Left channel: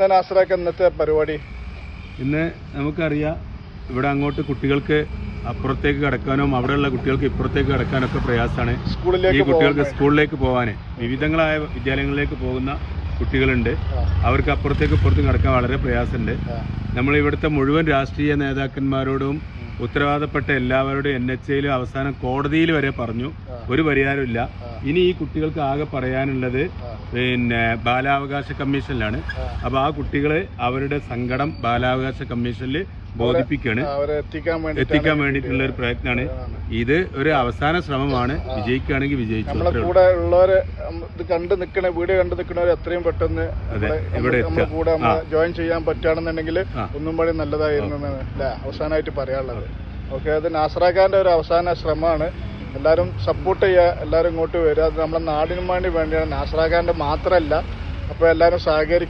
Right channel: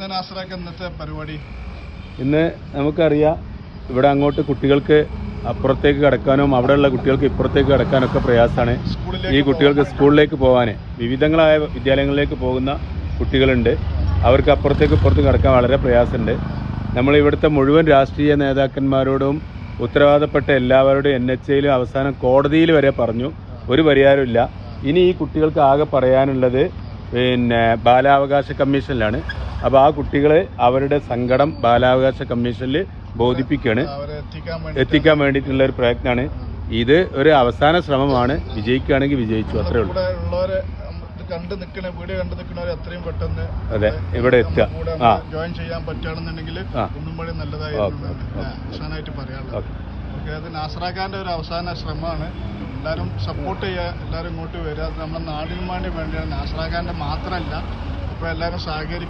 എന്താണ് ആശ്രയിക്കാൻ ഇന്നത്തെ പരിപാടി? ഇന്ന് നമുക്കറിയാം, ഇവിടെ അങ്ങോട്ട് കുട്ടികൾക്ക് അപ്പുറത്തേക്ക് കടക്കാനും അവിടെയുള്ള കുട്ടികൾക്ക് ഇപ്പുറത്തേക്ക് കടക്കാനൊക്കെ പ്രയാസമാണ്. ഈ കുട്ടികൾക്ക് സ്കൂളിലേക്ക് പോകാൻ വിവിധങ്ങളായ വിദ്യാലയങ്ങളിലേക്ക് പോകുന്ന കുട്ടികളുണ്ട്. അവർക്ക് അപ്പുറത്തേക്ക് ഇപ്പുറത്തേക്ക് കടക്കാൻ വളരെ പ്രയാസമുണ്ട്. നമ്മൾ ഇവിടുത്തെ മുഴുവൻ രാഷ്ട്രീയ നേതാക്കന്മാരോടും ഉത്തരവാദപ്പെട്ട എല്ലാവരോടും NHAയിലും അവസാനം കോടതിയിൽ വരെ പറഞ്ഞു, ഒരു പരിഹാരമില്ല. ഇനി ഈ കുട്ടികൾക്ക് ആകെ പറയാനുള്ളത് ബാലാവകാശ കമ്മീഷനിലാണ്. അപ്പോൾ ആ കുട്ടികൾ അവരുടെ സങ്കടം ബാലാവകാശ കമ്മീഷനിൽ ബോധിപ്പിക്കുകയാണ്, എത്തിക്കാൻ വേണ്ടിയിട്ടുള്ള ഒരു പ്രയത്നമാണ്. ഇത് ഒരു അവസാന ശ്രമമാണ്. വിജയിക്കുകയാണെങ്കിൽ വിജയിച്ചു, അത്രേ ഉള്ളൂ. വീഡിയോ കണ്ടു നിൽക്കുന്നവർ എത്രയും പെട്ടെന്ന് ഇവിടെ എത്തുക, ജോയിൻ ചെയ്യാൻ പറ്റുകയാണെന്നുണ്ടെങ്കിൽ ഒന്നും കൂടി നല്ലതായിരുന്നു അവസാനമായിട്ട് പറയാനുള്ളത്. ഓക്കെ, അത് നാസറാഖാന്റെ ഒരു അവസാന ശ്രമമാണ്. എല്ലാവരും സപ്പോർട്ട് ചെയ്യുക, എല്ലാവരും ഇങ്ങോട്ട് വരിക. അത് നമ്മുടെ നാടിനും വേണ്ടിയാണ്, നാസറാഖാന്റെ മാത്രമല്ല. അപ്പോൾ എല്ലാവരും സഹകരിക്കും.